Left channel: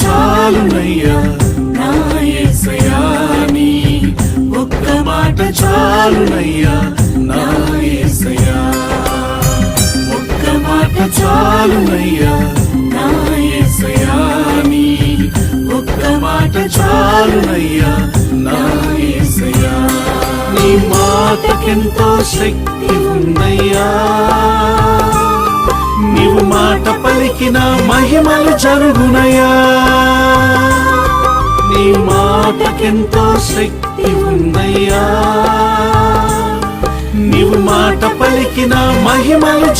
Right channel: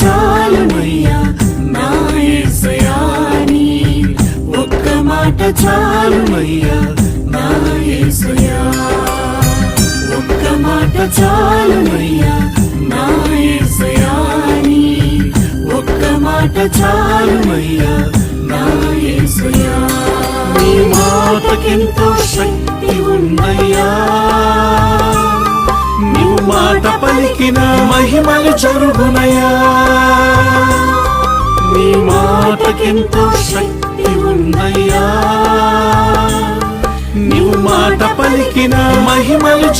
చాలునయ్యా నా యేసయ్యా నీ ఒక్క మాట చాలునయ్యా నా యేసయ్యా ఒక్క మాట చాలునయ్యా నా యేసయ్యా నీ ఒక్క మాట చాలునయ్యా నా యేసయ్యా నీ మాటకెంతో శక్తి ఉన్నయ్యా నీవు మాట పలికిన మహిమలు జరుగునయ్యా నీ మాటకెంతో శక్తి ఉన్నయ్యా నీవు మాట పలికిన మహిమలు